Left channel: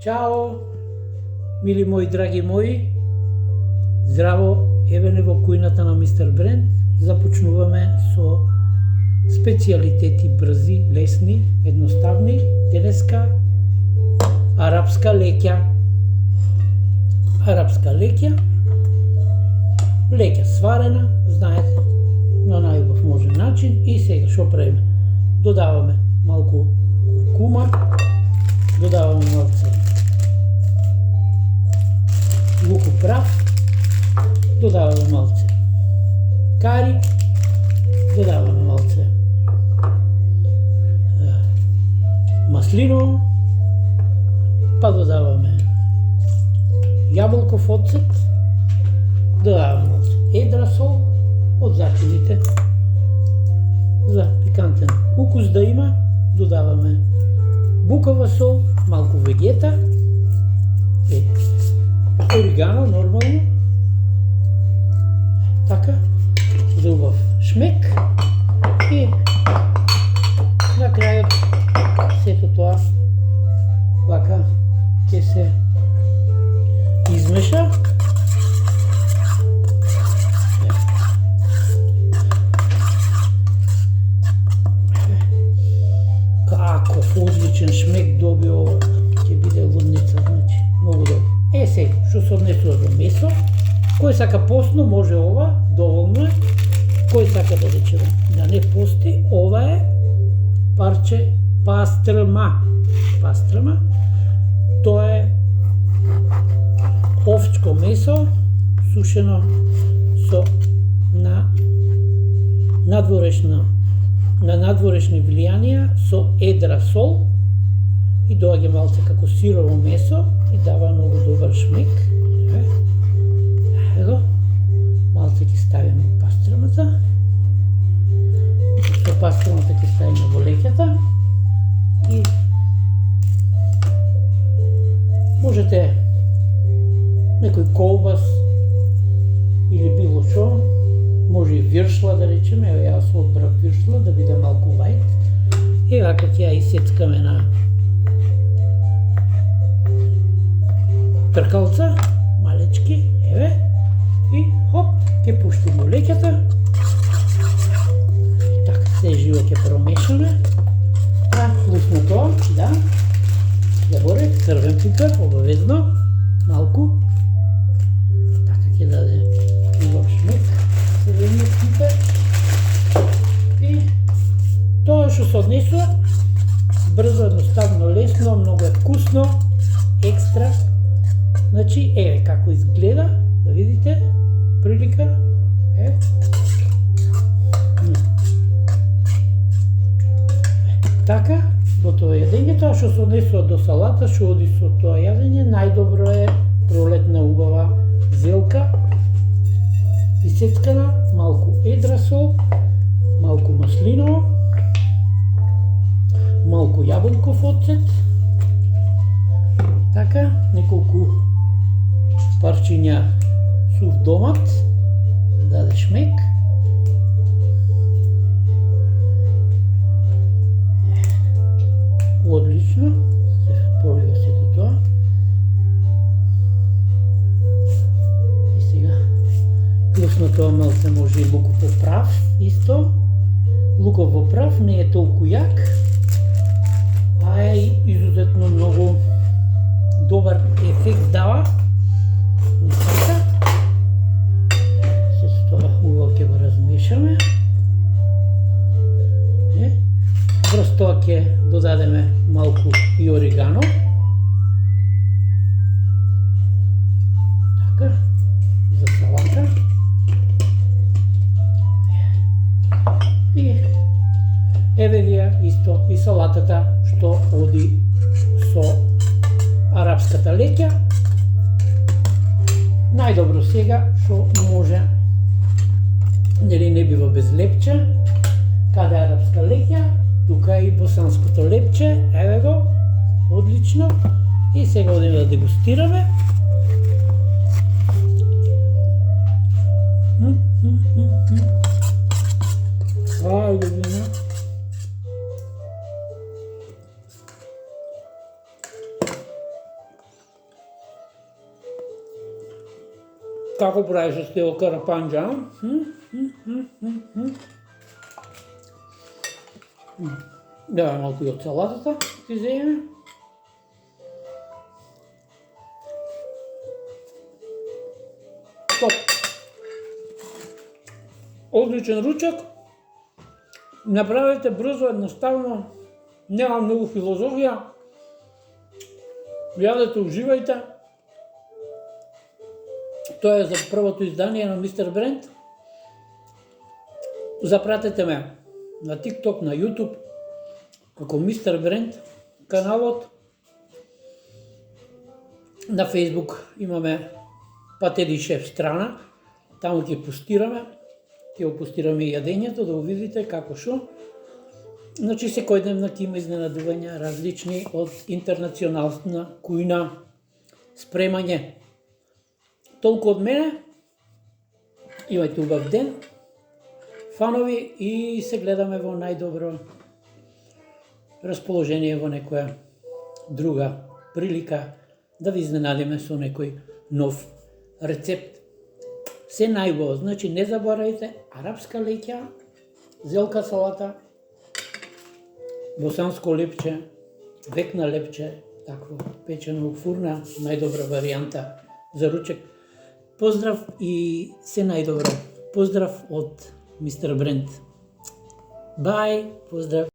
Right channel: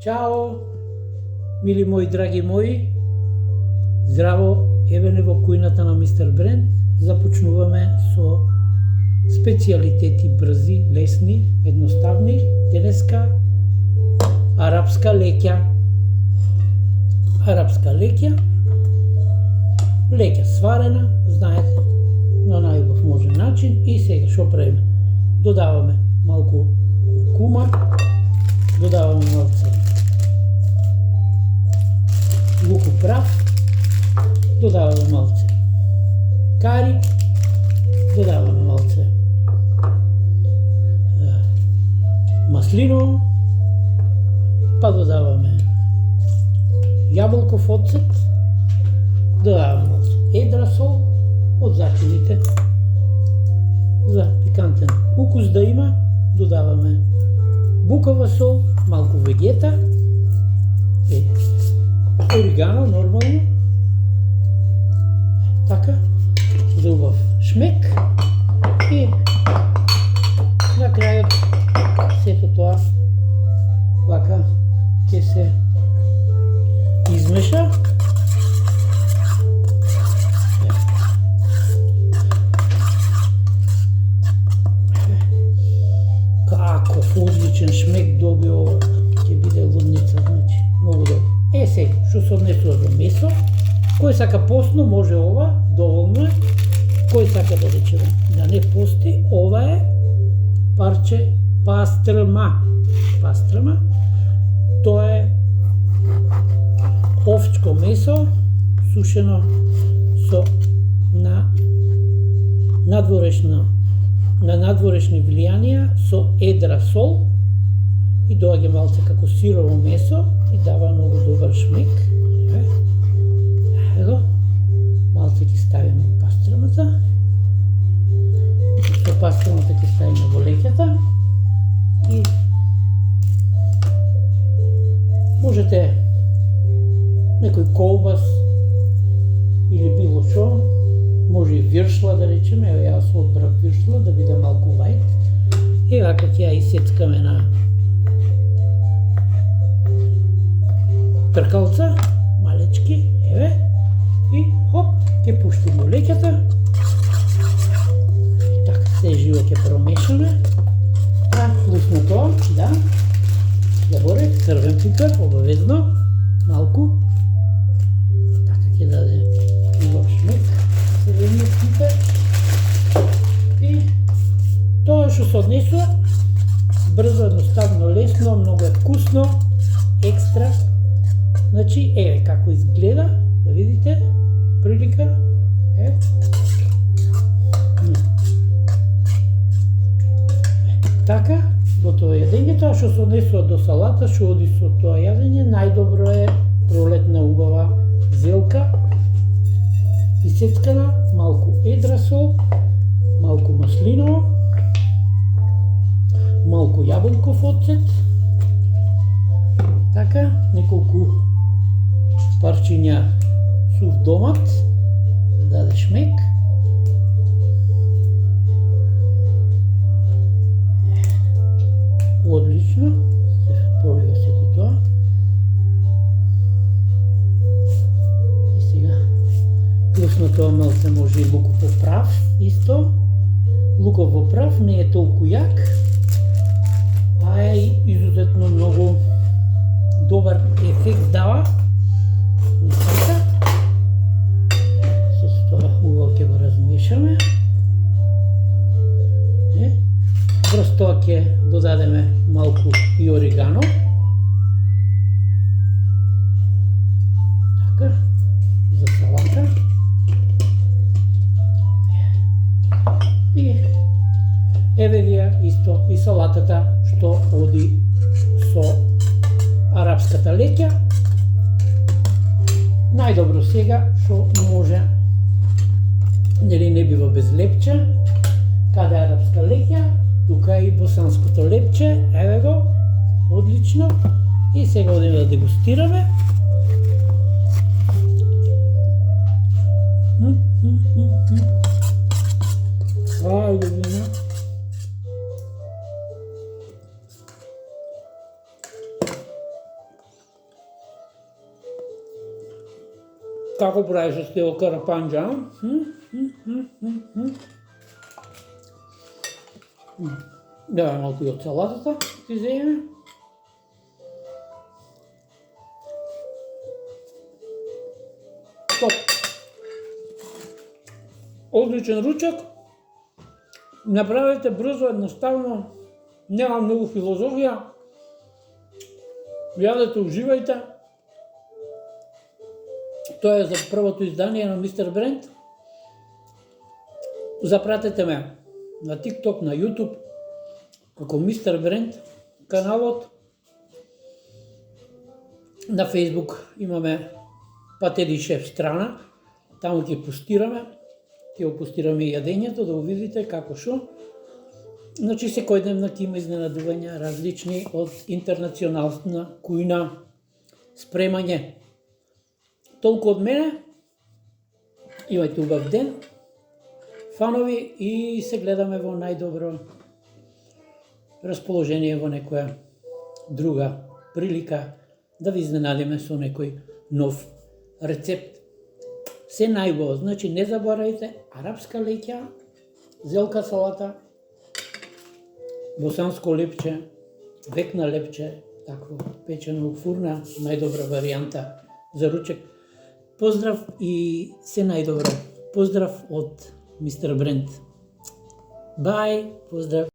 Чао, мили мои, драги мои. Здраво, еве не во кујната на Мистер Бренд. Започнуваме со специјалитети брзи, лесни, едноставни. Денеска арапска леќа. Леќа сварена, знаете, на најубав можен начин. И сега што правиме? Додаваме малку куркума, додаваме малце луков прав, додаваме малце кари, додаваме малце маслиново, па додаваме јаболков оцет, додаваме малце едра сол од зачините за пикантен укус да има, додаваме букава сол, малку вегета, оригано нормално, така, за убав шмек и на крајот сето тоа вака ќе се измеша. Каков одличен шмек доби ова, ќе биде лудница, значи, многу добро. Сега, што се однесува до месо, кој сака постно може ова, доволно е. Кој сака да речеме да не пости, ова е парче пастрма. Тоа е овчко месо, сушено со надворешни влијанија со едра сол и доаѓа малце како сирово месо и дава многу добар шмек. Ево, малце ќе ставиме пастрмата. Со пастрмата ќе ставиме во леќата и можете некој колбас или било што, може и виршла да речеме, ево јас одбрав виршла да биде малку лајт. И вака ќе ја исецкаме на тркалца, малечки, еве, и хоп, ќе пуштиме во леќата. Така, се живо ќе промешаме. Вкусно тоа, да. Добре, црвен пипер, обавезно, малку. Така ќе даде убав шмек. Црвениот пипер и тоа што се однесува брзо, едноставно, лесно, многу е вкусно, екстра. Значи, еве како изгледа, да видите, прилика, така, готово јадење. Тоа што се однесува до салата, што оди со тоа јадење, најдобро е пролетна убава зелка, исецкана, малку едра сол, малку маслиново, малку јаболков оцет, така, неколку парчиња сув домат, даде шмек. Одлично, се полива сето тоа. И сега вкусно тоа малце може и луков во прав, исто. Луков во прав не е толку јак, а е изузетно многу добар ефект дава. Така. Се тоа убаво ќе го размешаме. Врз тоа ќе додадеме малку и оригано. Така, за салата. И еве вие исто и салатата што оди со арапската леќа. Најдобро сега што може, нели не бива без лепче. Каде арапска леќа, тука и босанското лепче, еве го, одлично. И сега одиме да дегустираме. Ајде, Како правиш стел карапанџа? Да, малку и од салатата ти земе. Топ. Одличен ручек. Направете брзо, едноставно. Нема многу филозофија. Јадете, уживајте. Тоа е за првото издание на Мистер Бренд. Запратете ме на TikTok, на YouTube, како Мистер Бренд каналот. На Facebook имаме Патери шеф страна, таму ќе постираме, ќе опустираме и јадењето, да го видите како шо. Значи секојдневно ќе има изненадувања различни од интернационална кујна спремање. Толку од мене, имајте убав ден, фанови, и се гледаме во најдобро расположение во некоја друга прилика да ви изненадиме со некој нов рецепт. Се најубаво, значи не заборајте арапска леќа, зелка салата, босанско лепче, векна лепче, такво печено во фурна, најдобра варијанта за ручек. Поздрав и се најдобро. Поздрав од Мистер Бренд. Бај, поздрав.